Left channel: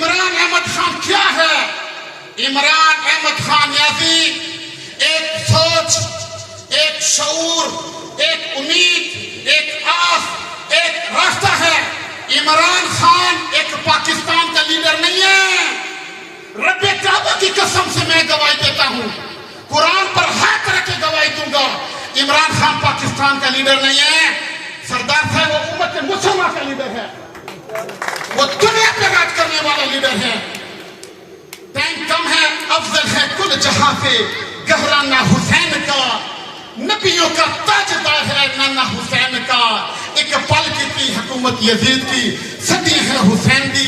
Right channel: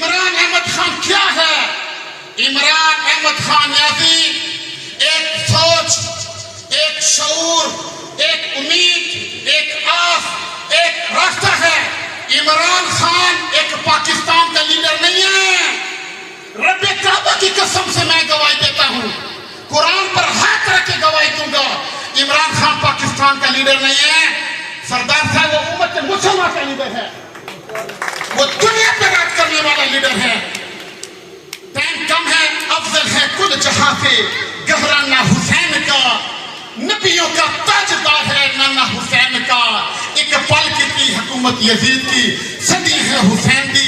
इमरान अहमद खान क्या है? इमरान अहमद खान याज़ीद एक सोच, एक शऊर, एक उम्मीद, एक आस, एक रास्ता है। इमरान खान एक पाकिस्तान का लीडर नहीं है। रब्बे काबा की कसम से मैं गवाही देता हूं, कुरान पर हाथ रख के गवाही दूंगा, इमरान खान पाकिस्तान का लीडर नहीं है। सरदार साहब वो उम्मत मुसलमान का लीडर है, वो दुनिया पे राज करने वाला लीडर है। टाइम कम है, अफजल है कुल जहां से गहराना हुसैन का, नबियों का ताजदार है नाना हुसैन का। एक पल की थी हुकूमत यजीद की, सदी है हुसैन की,